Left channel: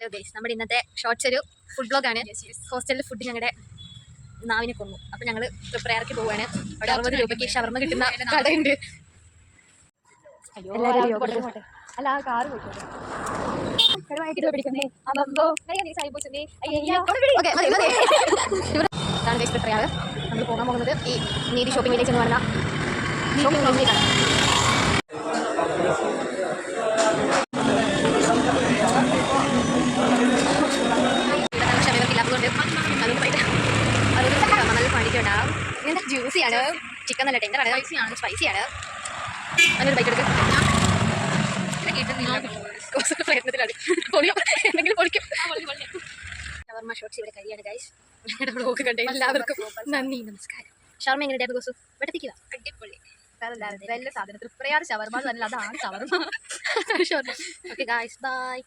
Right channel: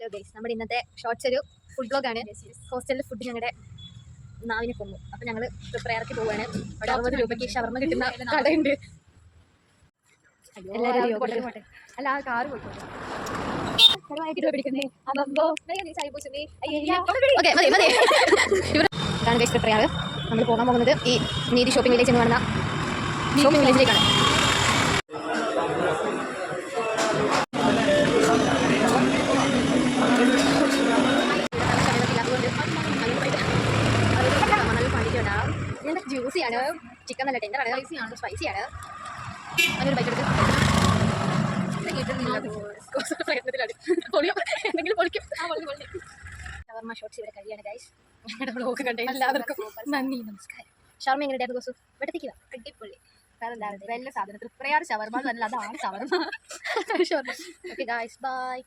Hello guys, നമ്മുടെ ഇന്നത്തെ shorts ഒരു ഫുഡ് ബ്ലോഗാണ്. ഹോസ്റ്റലിൽ ഫുഡ് ഞങ്ങളുടെ നാവിനെ കൊന്നു. അപ്പോൾ ഞങ്ങൾ പ്രിപ്പയർക്ക് പോവുകയാണ്. അവിടെ 60 രൂപയ്ക്ക് ഷവർമ്മ കിട്ടുന്ന കടയുണ്ട്. അല്ല ആ കാറ് പോയിക്കോട്ടെ. പ്രിപ്പയർ നമ്മൾ പോകാൻ പോകുന്നത് ഈ നീതി ഷോപ്പിംഗ് വില്ലേജ് എന്ന് പറഞ്ഞ ഷോപ്പിംഗ് വില്ലേജിലേക്കാണ്. ജ്യൂസിയാണ്, ചിക്കൻ നല്ല ടെൻഡറാണ്, സ്പൈസിയാണ്. അതിനൊരു ബൈക്ക് എടുക്കും. ഷവർമ്മ ഷോർട്സ് ഇവിടെ കഴിയാണ് ഗൈസ്. ഞങ്ങളുടെ വ്ലോഗ് കണ്ട എല്ലാവർക്കും നന്ദി, നമസ്കാരം. ഷവർമ്മ എങ്ങനെയായിരുന്നു ഗോസു? വെട്ടത്തിക്കുക അടിപൊളി. നല്ല സാധനം തൃപ്രയാർ ഷവർമ്മ എന്നല്ല, അതാണ് ഷവർമ്മ. Okay guys, by.